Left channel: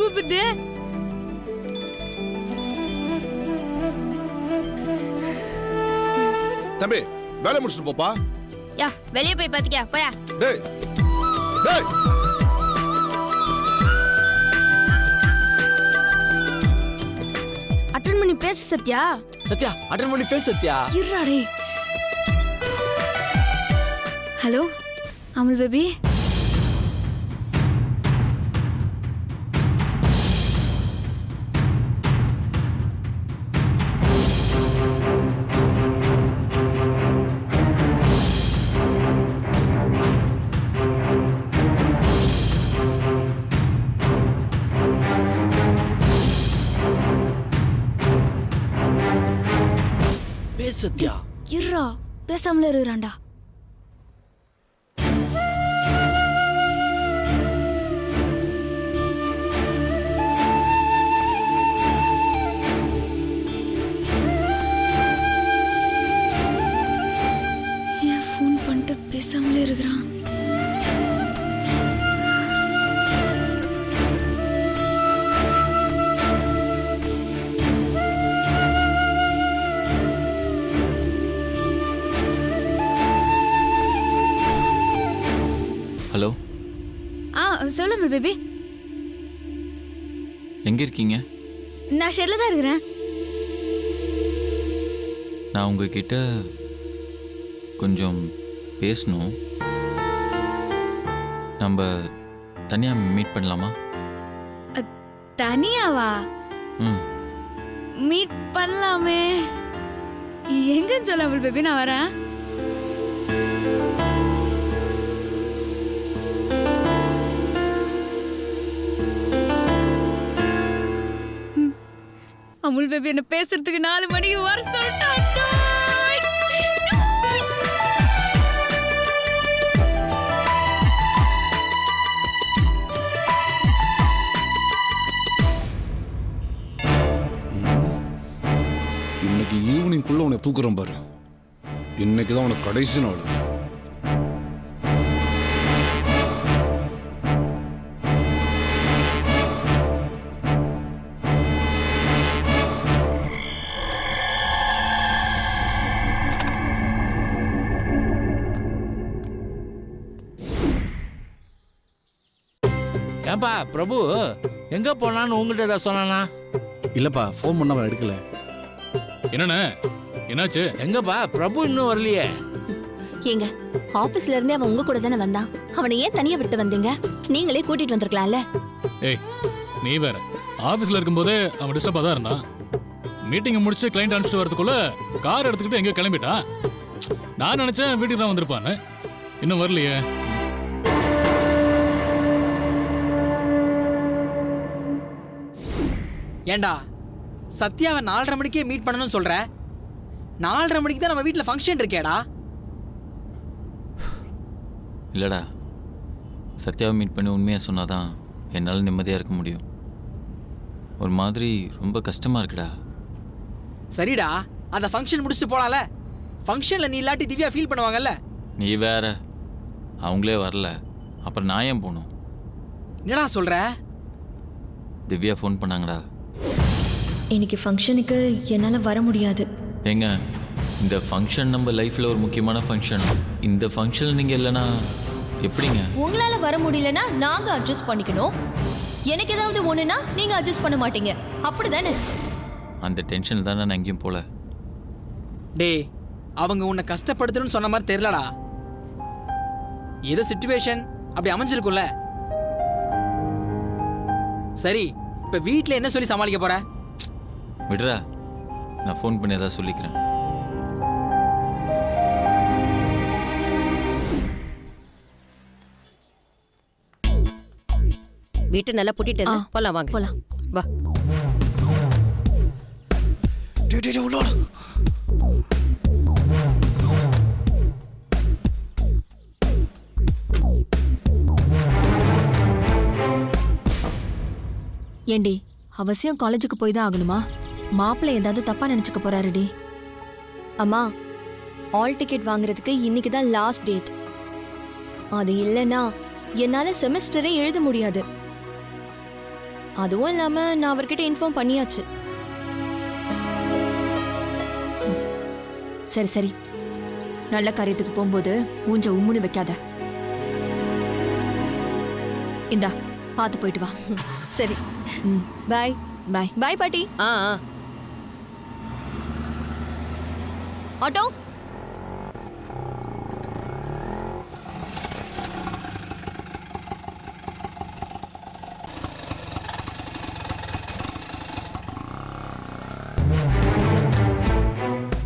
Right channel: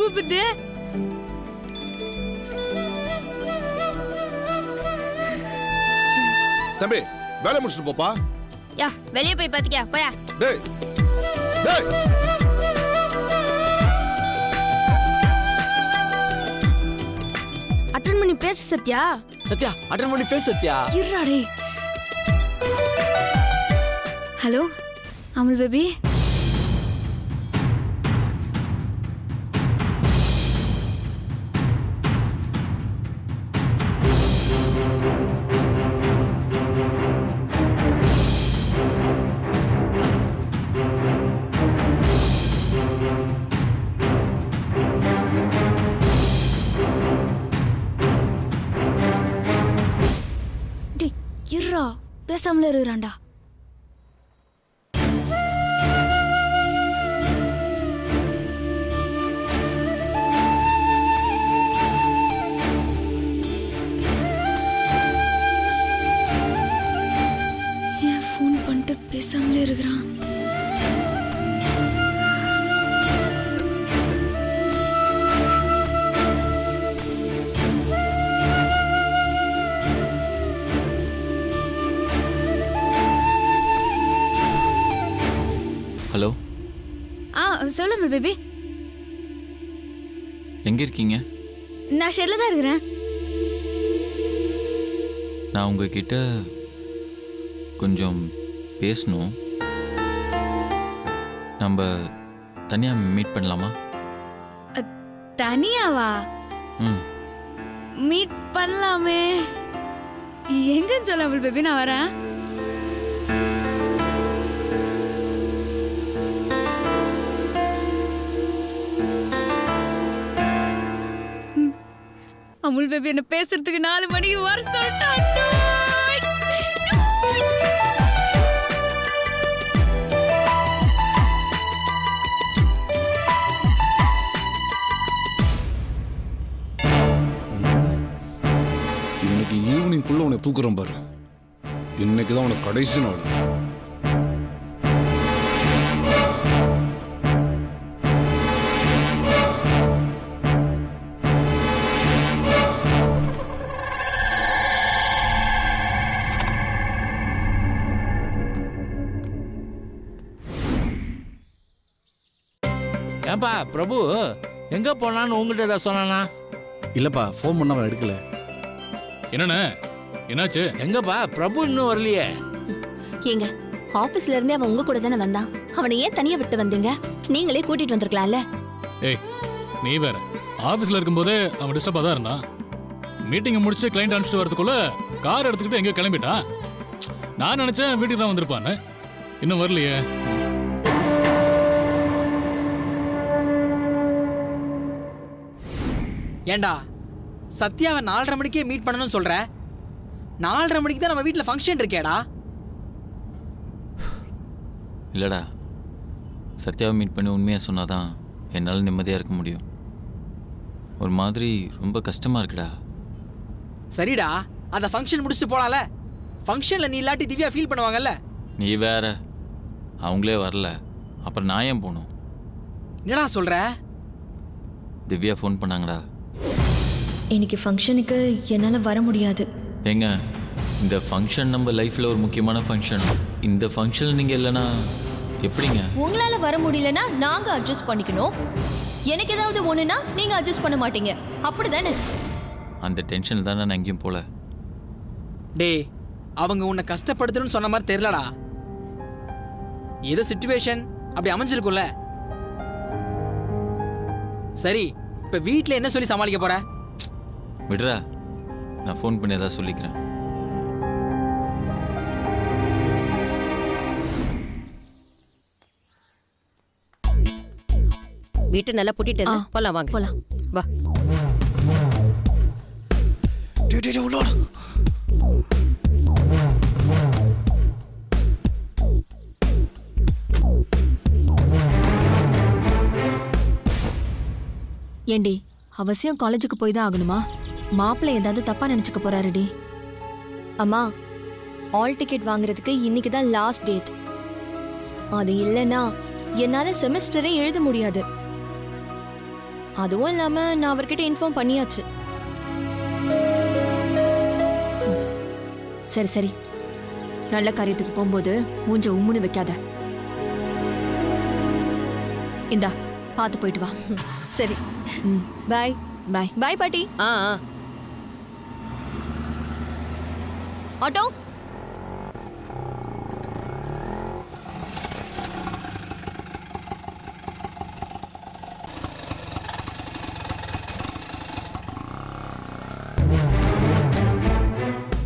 கூப்பிட்டு. தம்பி வேலை முடிச்சுட்டு போப்பா. யா வெளியே போய் பாத்துக்கியா போயா. டேய் டேய் அட்டெண்ட் பண்ணி பேசு சத்யா. சத்யா அட்டெண்ட் பண்ணி பேசு சத்யா. இருடா. Hello Amul baby. சத்யா இருடா பேசாமல இருறான்டா. ஏன் ஃபோன் பண்ணிட்டு பேசாமல இருக்கிறான்? ஹலோ. சொல்லு அமுல் பேபி. எங்க இருக்கீங்க? நான் ஷெட்ல தான் இருக்கிறேன். நான் உங்ககிட்ட கொஞ்சம் பேசணும். நம்ம தனியா மீட் பண்ணலாமா? தனியாவா? மீட் பண்ணலாமே. எங்கன்னு சொல்ல அமுல் பேபி, நான் வரேன். அமுல் பேபி என்ன பேசுறதுக்கு 4 மணிக்கு வர சொல்லிட்டான். இன்னைக்கு ஈவினிங்குள்ள உன்னை தூக்குறேன் பாரு. இன்னைக்குதான் உனக்கு கடைசி நாள். ஏன்பா பிரபு எங்க போனான்னு உங்ககிட்ட ஏதாவது சொன்னானா? இல்லப்பா, ஃபோன் பண்ண அவன் எடுக்கல. என்னண்ணே என்னாச்சு? எங்கப்பா பிரபு இன்னும் வரலையே? ஏங்க ஆபீஸ்ல இருந்தே அவன் உங்க கூட தானே வந்தான். அவனை ஏன் தனியா விட்டு வந்தீங்க? நீங்களே கூட்டிட்டு வந்திருக்கலாம்ல. ஏய் நீ வேற, ஆபீஸ்ல இருக்கும்போதே அவன் டிஸ்டர்பா தான் இருந்தான். மீட்டிங்கை முடிச்சு கிளைண்ட் அனுப்பிச்சு வரதுக்குள்ள கார் எடுத்துக்கிட்டு எங்கேயோ கிளம்பிட்டான். நான் நினைச்சேன் வீட்டுக்கு தான் வந்திருப்பான்னு. இன்னும் வரலையே. ஏண்டா சத்யாவை 4:30 மணிக்கே மீட் பண்ணணும்னு சொல்ற? 4:30 மணிக்கு தான் நம்ம வீட்டில் ஃபங்க்ஷன் இருக்கேடா. இல்லடா, சத்யாவை மீட் பண்ணி உண்மையாக சொன்னாதான் என்னால் நிம்மதியாக இருக்க முடியும். ஒரு மாதிரி ரொம்ப கஷ்டமாக இருக்குடா. சரிடா, அந்த ஃபங்க்ஷன் முடிச்சுட்டு போலாம்ல. ஃபங்க்ஷனில் நீ இல்லாட்டி திவ்யா ஃபீல் பண்ணுவாங்கல்ல. நீ வேற, அவங்களே வரல, அப்புறம் நான் ஏன் போகணும்? என்னடா சொல்ற? திவ்யா ஃபோன் பண்ணாங்கடா. இன்னைக்கு ஃபங்க்ஷனுக்கு என்னால வர முடியாது. ஏங்க, இந்த ஃபங்க்ஷன் நம்ம லைஃப்ல ஒரு முக்கியமான ஃபங்க்ஷன். இந்த ஃபங்க்ஷன் நீங்க இல்லைன்னா எப்படிங்க? உங்களால வர முடியலன்னா நாங்க அட்ஜஸ்ட் பண்ணிக்கணும். எனக்கு ஏதாவது ஒண்ணுனா நீங்க அட்ஜஸ்ட் பண்ண மாட்டீங்க, அப்படிதானே? அந்த டென்ஷன் தானே நான் எங்கேயும் போல. டேய், அவங்க உன்னை கஷ்டப்படுத்தணும்னு சொன்ன மாதிரி தெரியலடா. ஏதோ சிச்சுவேஷன் அப்படி அமைஞ்சிருக்கும்ல. சரி, இப்ப வீட்டுல என்ன சொல்லி சமாளிக்க போற? விடுறா, நான் ஃபோன் பண்ணி ஏதாவது சொல்லிக்கிறேன். வீட்டை நல்லா பூட்டிட்டு போலாம் வாங்க. போலாம் வா. ஏண்டி, அவசியம் காலேஜுக்கு போய் தான் ஆகணுமா? மாப்பிள்ளை ஏதாவது தப்பா நினைச்சுக்க போறாருடி. அம்மா, ஆல் டிக்கெட் வாங்குறதுக்கு இன்னைக்கு தான் லாஸ்ட் டேட். அது இல்லைன்னா என்னால செமஸ்டரே எழுத முடியாது. அதுவும் இல்லாம நான் அவர்கிட்ட இன்ஃபார்ம் பண்ணியாச்சு. சரி சரி, நல்ல காரியத்துக்கு போகும்போது மூஞ்ச உம்முன்னு வைக்காத. இந்தா பார்த்து போயிட்டு வா. சரி, பாய். பாய் பாய் பாட்டி. ஆட்டோ.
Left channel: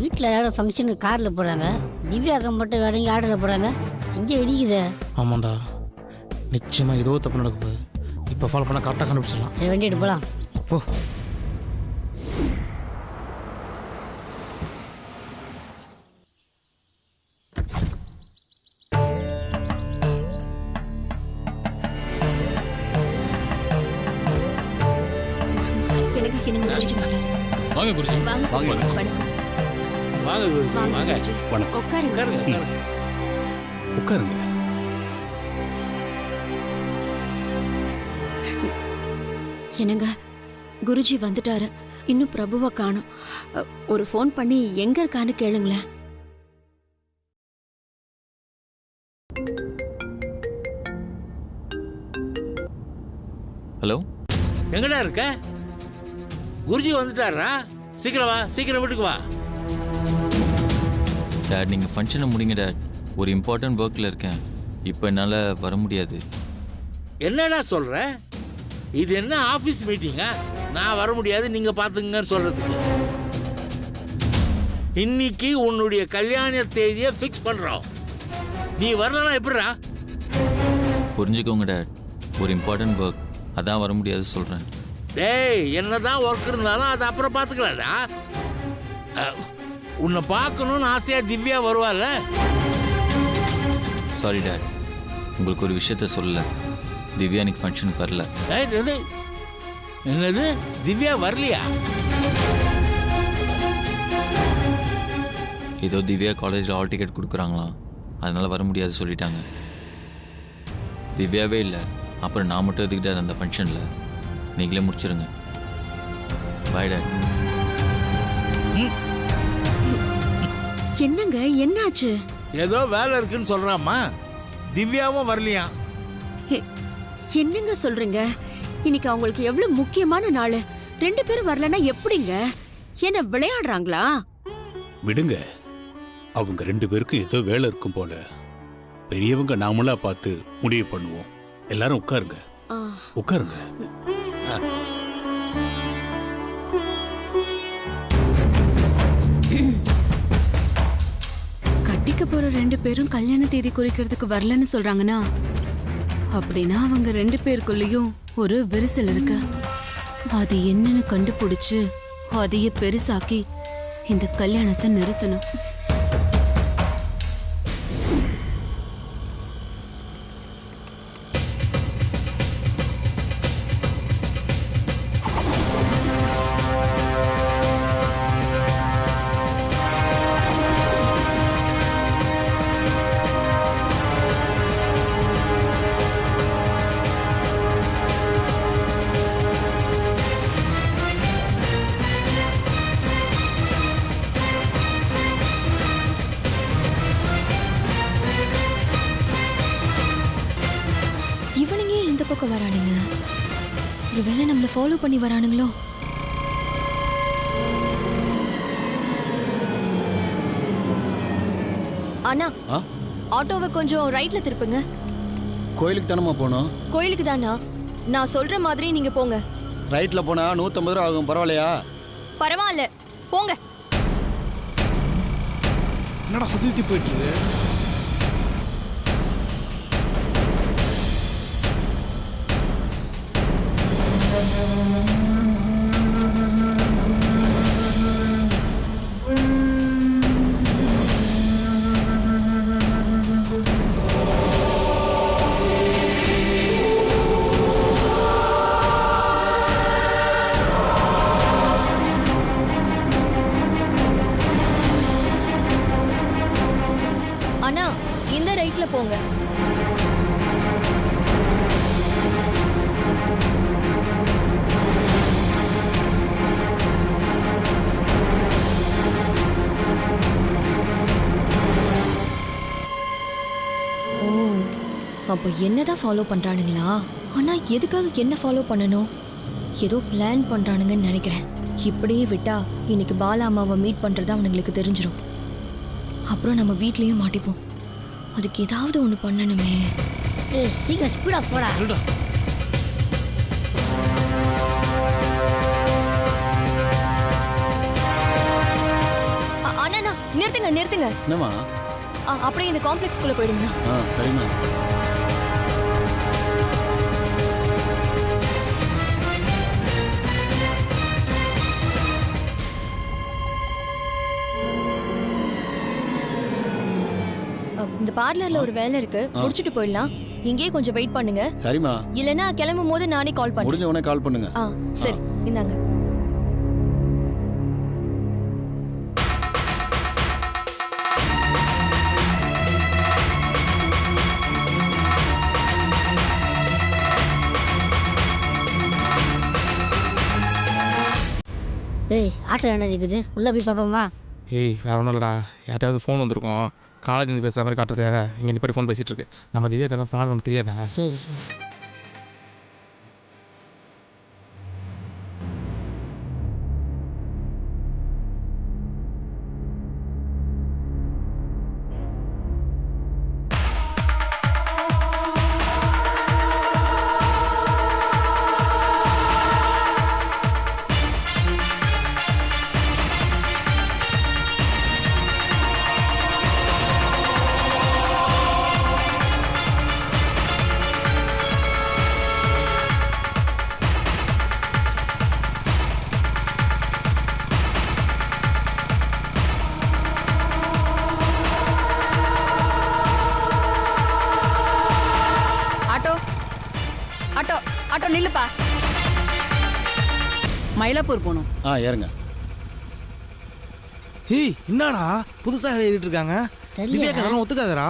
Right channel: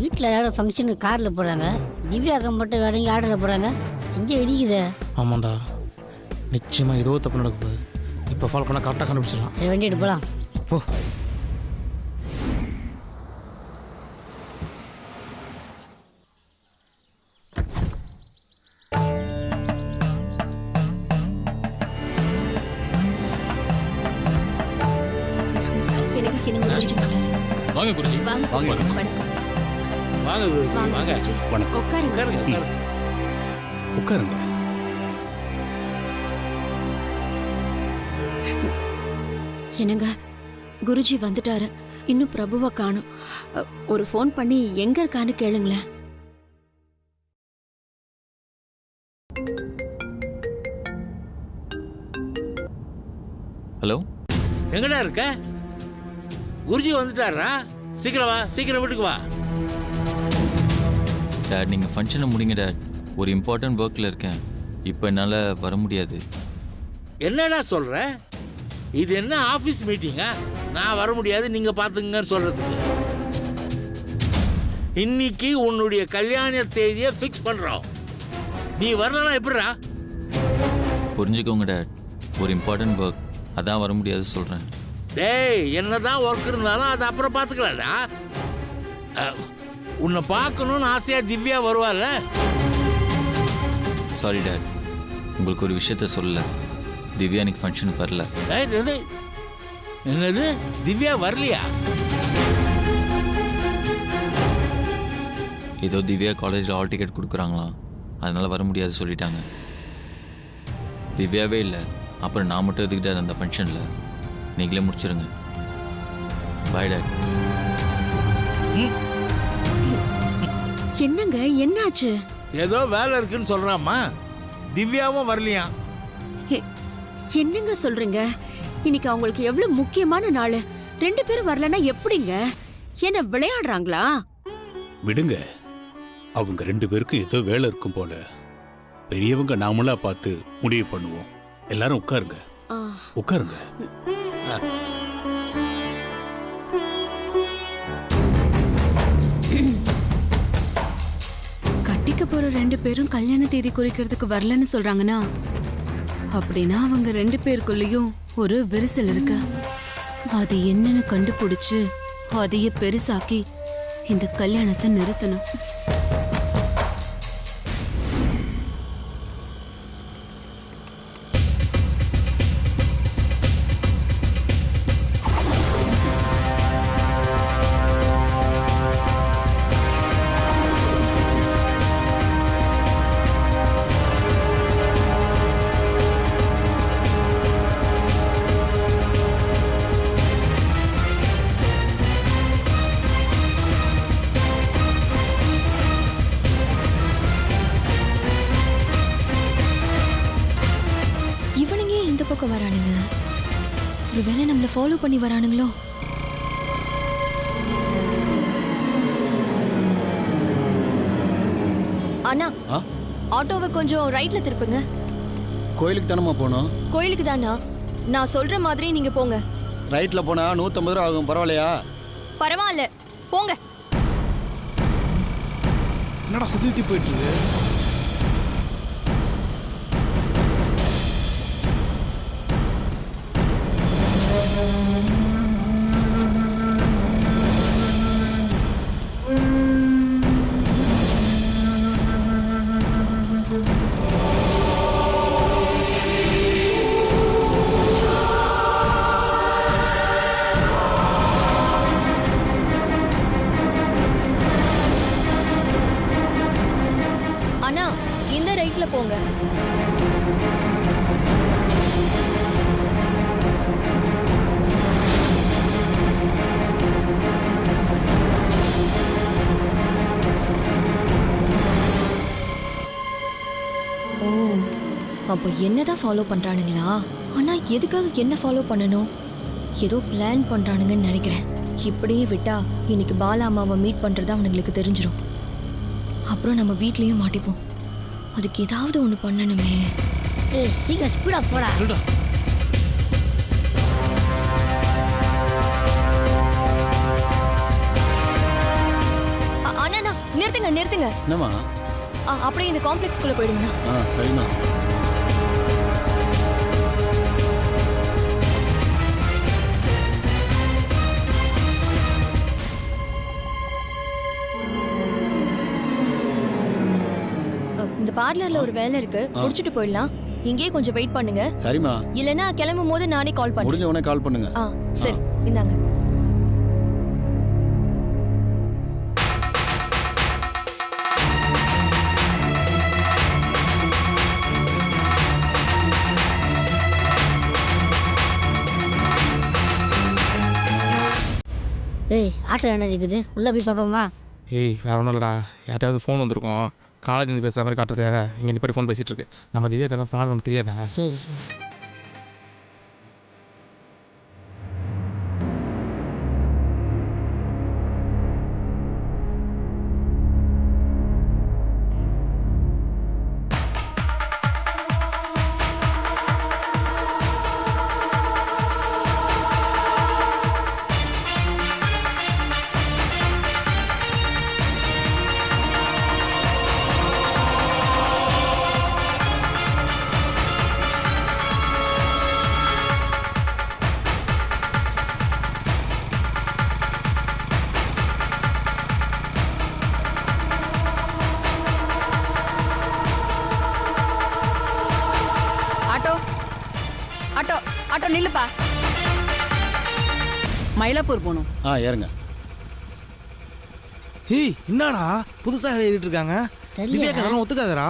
வீட்டில் யாரும் ஃபங்க்ஷனுக்கு காரில் போகிறாங்க, திவ்யாக்கம் மட்டும் வேற எங்கே ஆர்டரில் போகிறாங்க. எங்கே இடிக்குதே. ஆமாண்டா, நிச்சயமாக ஏதோ தப்பு நடக்க போகுது. இப்போ ஃபாலோ பண்ணால் கரெக்டாக கண்டுபிடிச்சிடலாம். சரி, வண்டிட்டு போகலாம். போ. வாங்க குருஜி. வாங்க குருஜி, வாங்க. வணக்கம். உட்காருங்க. உட்காருங்க. என்னங்க, குருஜி வந்துட்டாரு, இன்னும் பிரபுவை காணோம். ஒரு ஃபோன் பண்ணி எங்க இருக்கான்னு கேளுங்களேன். ஹலோ, எங்கடா இருக்க? குருஜி வந்துட்டாரா? சீக்கிரம் வா, சீக்கிரம் வீட்டுக்கு வா. டேட் நீங்கள் ஃபங்க்ஷனை முடிங்க டேட். ஒரு இம்பார்ட்டன்ட் ஒர்க்கில் இருக்கேன், இப்போ என்னால் வர முடியாது. என்னடா சொல்ற? இது என்ன ஆஃபீஸ் மீட்டிங்கா? நான் வர முடியாது, நீங்கள் பார்த்துங்கன்னு சொல்கிறதுக்கு. இன்னைக்கு உன்னுடைய கல்யாண தேதியை ஃபிக்ஸ் பண்ணுறோம். நீ வரலன்னா எப்படிடா? புரிஞ்சுக்கோங்க டேட், ஒரு இம்பார்ட்டன்ட் ஒர்க், அதான் வர முடியாது சொல்கிறேன். டேய், என்னதான் ஒர்க் இருந்தாலும் அது அப்புறம் பார்த்துக்கலாம்டா. உன்னை பார்க்கணும்னு ஆசையாக திவ்யா வருவாள்ல? சாரி டேட், உங்களுக்கு ஒரு விஷயத்த சொல்லல. திவ்யா இன்னைக்கு ஃபங்க்ஷனுக்கு வரல. என்னது, திவ்யா வரலையா? ஏதோ திவ்யா காலேஜில் ஹால் டிக்கெட் கொடுக்குறாங்களாம், அதனால் வர முடியாது சொல்லிட்டாங்க. திவ்யாவே இல்லை, அப்புறம் நான் மட்டும் எதுக்கிட்டார் அந்த ஃபங்க்ஷனில்? நீங்களே முடிச்சிருங்க. பாய் டாட். என்னங்க, என்னாச்சு? ஏதோ வேலை இருக்குன்னு சொல்றாம்மா. திவ்யாவும் வரலையா? என்னங்க சொல்றீங்க? இன்னைக்கு அவங்களுக்கு எவ்வளவு முக்கியமான நாள். 2 பேரும் வரலன்னா எப்படிங்க? என்ன விளையாடுறாங்களா? விடுங்க, அவங்க 2 பேருக்கும் ஏதோ வேலை இருக்கும் போல. பெரியவங்க நாமளா பார்த்து முடிவு பண்ணுவோம். எல்லாரும் உட்காருங்க, உட்காருங்க. கட்டிக்க போற 2 பேரும் கல்யாண தேதி குறிக்கிறதுக்கு வரலன்னு சொல்றாங்கன்னா, அப்படின்னா அவங்க 2 பேருக்குள்ளயும் ஒரு விரிசல் இருக்கு. அது என்னன்னு கண்டுபிடிச்சு அதைய பெருசாக்கி இந்த கல்யாணத்தை நிறுத்தணும். இவனுங்க இந்த பக்கம் வரானுங்க. ஒருவேளை நம்மள ஃபாலோ பண்ணி வரானுங்களோ? அண்ணா, ஆட்டோவை கொஞ்சம் ரைட்ல திருப்புங்க. கோயிலுக்கு தானம்மா போனோம்? கோயிலுக்கு தானா? நான் சொல்ற மாதிரி நீங்க போங்க. ரைட்ல போனா 150 ரூபா ஆகும், பரவாயில்லையா? பரவாயில்ல, போங்க. என்னடா சுத்தி போயிட்டு இருக்கு? அண்ணா, இந்த ரைட்ல போங்க. அப்போ என்னதான் ஃபாலோ பண்றானுங்களா? ஆனா எதுக்காக என்ன ஃபாலோ பண்ணணும்? ஏதோ பிளான் பண்றானுங்கன்னு நினைக்கிறேன். இப்படியே விட்டா இன்னைக்கு பாலா அம்மாவை மீட் பண்றது அவனுங்களுக்கு தெரிஞ்சிடும். அப்புறம் நம்ம வீட்லயும் மாட்டிப்போம். அதுக்கு ஏதாவது ஒன்று பண்ணணுமே. சீக்கிரம் ஸ்பீடா போடா. அண்ணா நிறுத்துங்க நிறுத்துங்க. என்னம்மா? அப்படியே இந்த காம்ப்ளெக்ஸ்குள்ள போயிடுங்கண்ணா. சரிம்மா. இந்த பார்லர்ல ஒரு வேலை இருக்கு, முடிச்சிட்டு போயிடலாம். இங்கேயே கொஞ்சம் வெயிட் பண்ணுங்க. சரிம்மா. இல்லனா கிளம்பும் போது நானே கால் பண்ணுறேன். முடிஞ்ச உடனே கால் பண்ணுங்க. சரி இந்தாங்க. ஏய் ஆட்டோ என்ன இருக்குது, உள்ளே போய் பார்ப்போமா? ஏய் வேற ஒன்றும் இல்லைடா, யார்ட்டையாவது ஃபோன் வந்திருக்கோம், காலேஜ் பேசுகிற மாதிரி காட்டுறதுக்காக இங்கே நிப்பாடி ஃபோன் பேசிகிட்டு இருக்கு. நம்ம திவ்யா ஃப்ராட் ஒன்று தெரியாதா? சரி சரி. Auto auto நில்லுப்பா. மயிலாப்பூர் போகணும். ஏறுங்க. ஏய் என்னடா புதுசாக ஏறிட்டு இருக்காங்க? திவ்யா கதெல்லாம் ஒத்துக்காதரா?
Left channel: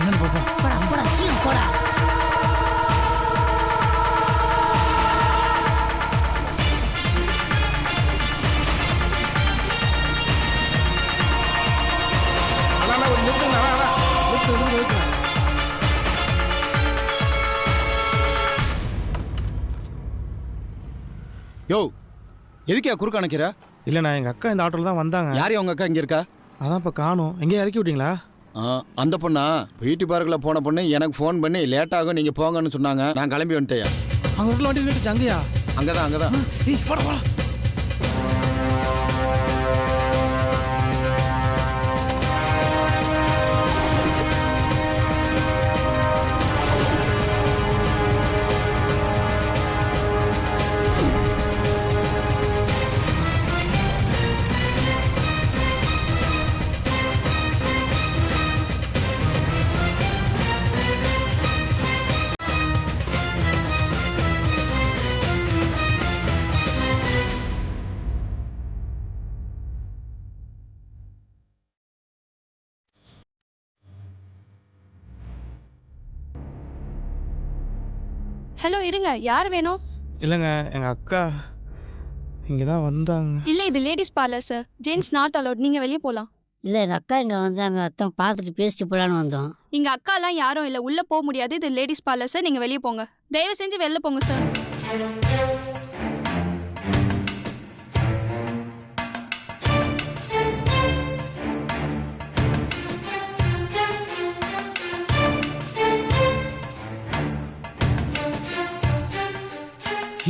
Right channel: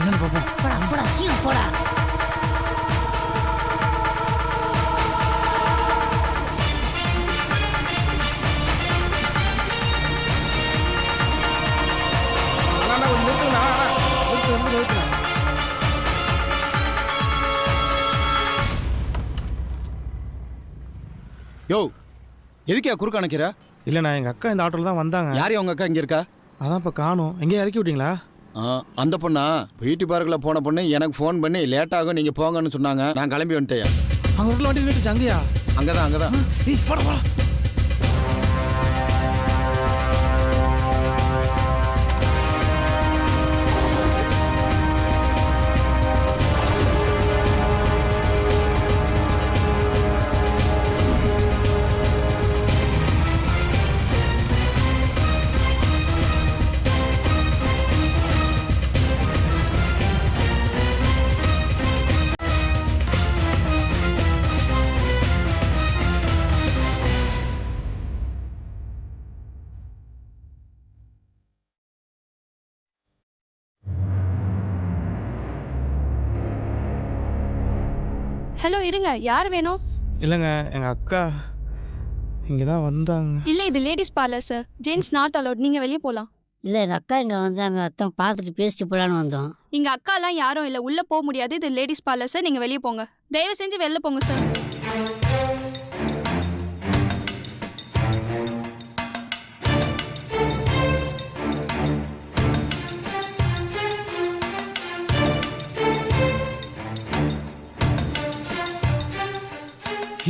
என்னன்னு பார்ப்போம். போடா போடா சீக்கிரம் போடா. அண்ணா ஒரு நிறுத்துங்க. நிறுத்து. யோ எதுக்கே குறுக்க அணைக்கிற? இல்லைண்ணா எங்கள் அக்கா இந்த ஆட்டோவில் தான் வந்தாங்க. யாரையும் உங்கள் அக்கா இங்கே இருக்கா? அதான் இப்போ காணும். எங்கேயும் இறக்கி விட்டீங்களா? அந்த பொண்ணா பியூட்டி பார்க்கில் போன பொண்ணு எனக்கு ஃபோன் பண்ணி லேட் ஆகும் நீங்கள் போங்கன்னு சொன்னாங்க. நான் கிளம்பி வந்துட்டேன். அங்கே ஒரு வண்டி நின்றுச்சு. அங்கேயா? அங்கதான். ஏய் போடா. ஹலோ இருங்க, யார் வேணும்? இல்லைங்க எங்கள் அக்கா இங்கே தான் வந்தாங்க. இல்லை இது ladies parlour sir, gents not allowed. நீங்கள் வெளியே போகலாம். இல்லை எங்கள் அக்கா இங்கே வந்தாங்க, அத்தான் பார்த்துட்டு பேசிட்டு போகலான்னு வந்தோம். இங்கே அக்காலாம் யாரும் இல்லை, உள்ளே போக முடியாது. இது லேடிஸ் பார்லர் சார், நீங்கள் வெளியே போங்க. தயவு செஞ்சு வெளில போங்க சார்.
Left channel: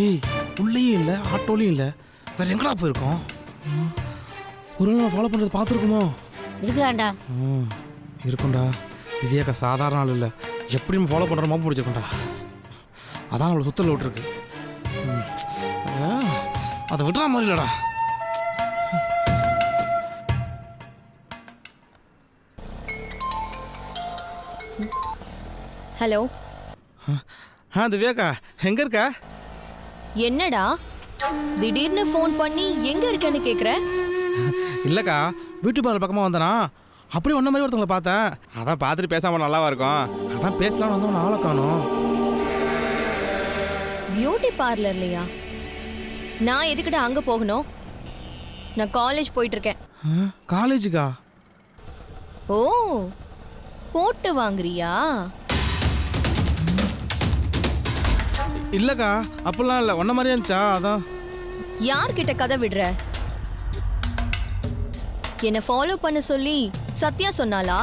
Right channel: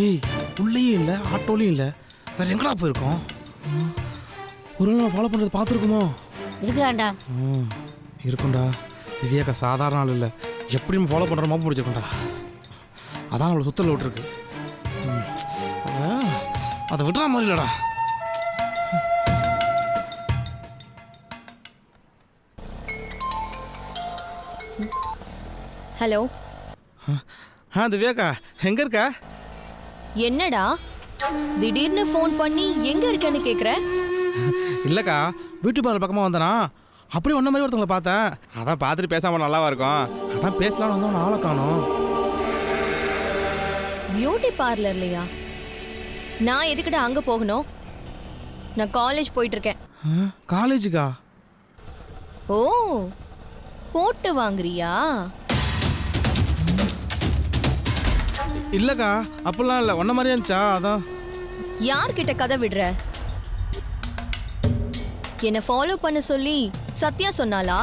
ஏய் உள்ளேயும் இல்லை, ஆட்டோலையும் இல்லை, வேற எங்கடா போயிருக்கோம்? ஒரு நாள் ஃபாலோ பண்ணுறது பார்த்துருக்குமோ? இருக்கலாம்டா. இருக்கும்டா. திவ்யாக்கா சாதாரண ஆள் இல்லை, எப்படி நம்ம ஃபாலோ பண்ணுற மாதிரி பிடிச்சிருக்கோண்டா. அதான் நம்மளை சுத்தல விட்டுருக்கு. அதை விடுற மாதிரி இல்லைடா. ஹலோ. திவ்யாக்கா எங்க இருக்கா? என்னடா திடீர்னு ஃபோன் பண்ணி எங்க இருக்கேன்னு கேக்குற? இல்லக்கா பியூட்டி பார்லர் பக்கமா வந்தனா, அப்படியே ஒன்ன மாதிரி ஒருத்தவங்களை பார்த்தேன். அதான் பார்த்துட்டு பேசாம நல்லாவா இருக்கும், அதான் பேசலாம்னு வந்தவன் ஆளை காணோம். பியூட்டி பார்லர்லையா? நான் எதுக்கிட்ட அங்க போகணும்? நான் காலேஜ் போயிட்டு இருக்கேன். காலேஜுக்கா? ஓ, போட்டு வாங்குறியா? இல்லக்கா, அப்பெல்லாம் இல்லை, ஒன்ன மாதிரியா இருந்துச்சா? அதான். யார்கிட்ட கதை விடுற? என்ன ஃபாலோ பண்ண சொல்லி சத்யா சொன்னாளா?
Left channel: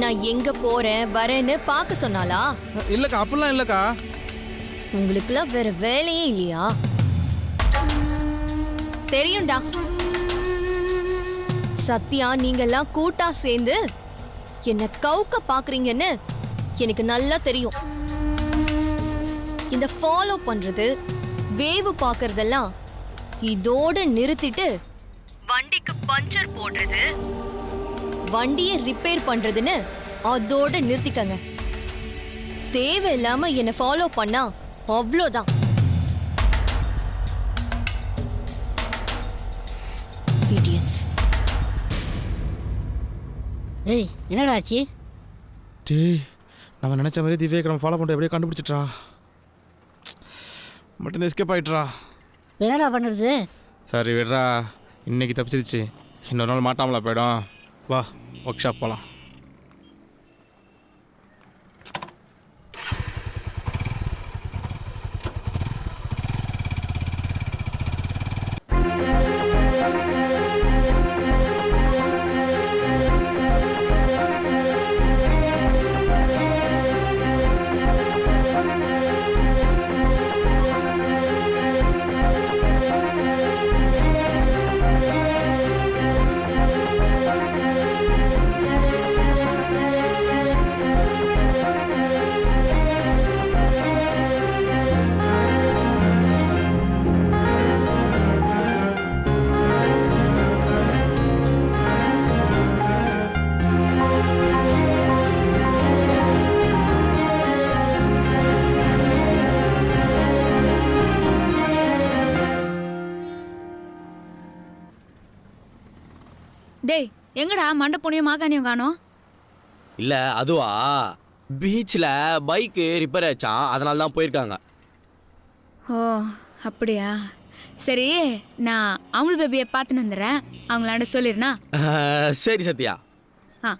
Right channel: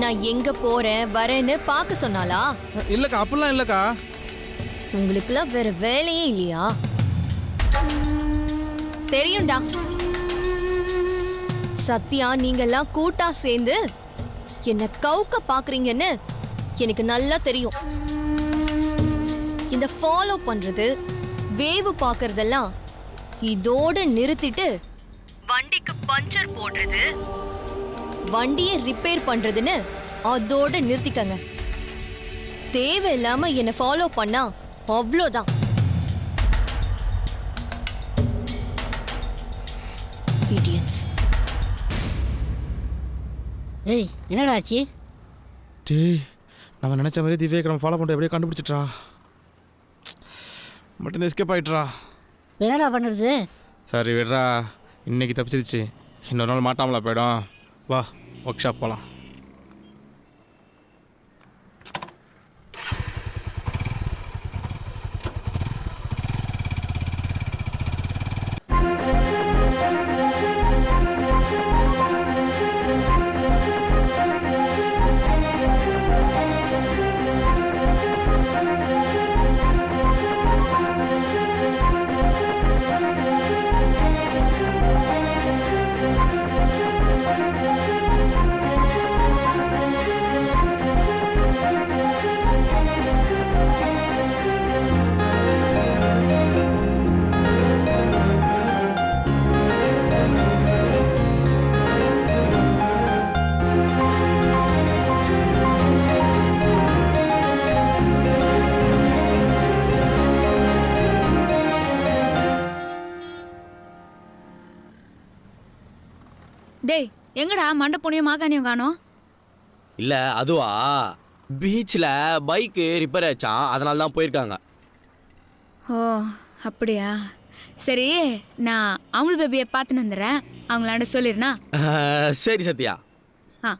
நான் எங்க போறேன் வரேன்னு பார்க்க சொன்னாளா? இல்லக்கா, அப்பெல்லாம் இல்லக்கா. உங்களுக்குலாம் வேற வேலையே இல்லையா? தெரியும்டா, சத்யா நீங்கெல்லாம் கூட்டா சேர்ந்து என்ன கவுக்க பாக்குறீங்கன்னு எனக்கு நல்லா தெரியும். இந்த ஃபாலோ பண்றது, வேவு பாக்குறதெல்லாம் இதோட நிறுத்திட்டு வண்டிக்கு பஞ்சர் போடுறது, வண்டியை ரிப்பேர் பண்றதுன்னு அதோட நிறுத்திக்கங்க. தேவையில்லாம என்ன ஃபாலோ பண்ணா அவ்வளோதான். ஏய், என்னடா ஆச்சு? டேய், நம்ம நினைச்ச மாதிரி திவ்யா நம்ம ஃபாலோ பண்ணிட்டு எப்படியே கண்டுபிடிச்சிட்றா. மட்டும் எஸ்கேப் ஆயிட்றா. என்னடா பண்ணுறது? சரி விடுறா, இன்னைக்கு தப்பிச்சிருச்சு, இன்னொரு நாள் மாட்டாமலா போயிடும். வா, ஒர்க் ஷாப் போகலாம். டேய், எங்கடா மண்டை புனியும் மாகாணியும் காணோம்? இல்ல அதுவா, பீச்சில் பைக்கு ரிப்பேர் ஆச்சான், அதனால தான் போயிருக்காங்க. ஓ அப்படியா? சரி, நான் அமுல் பேபியை பார்த்துன்னு வந்துடுறேன், அவங்களாண்ட சொல்லிடுனா? சரி சத்யா. ஆ.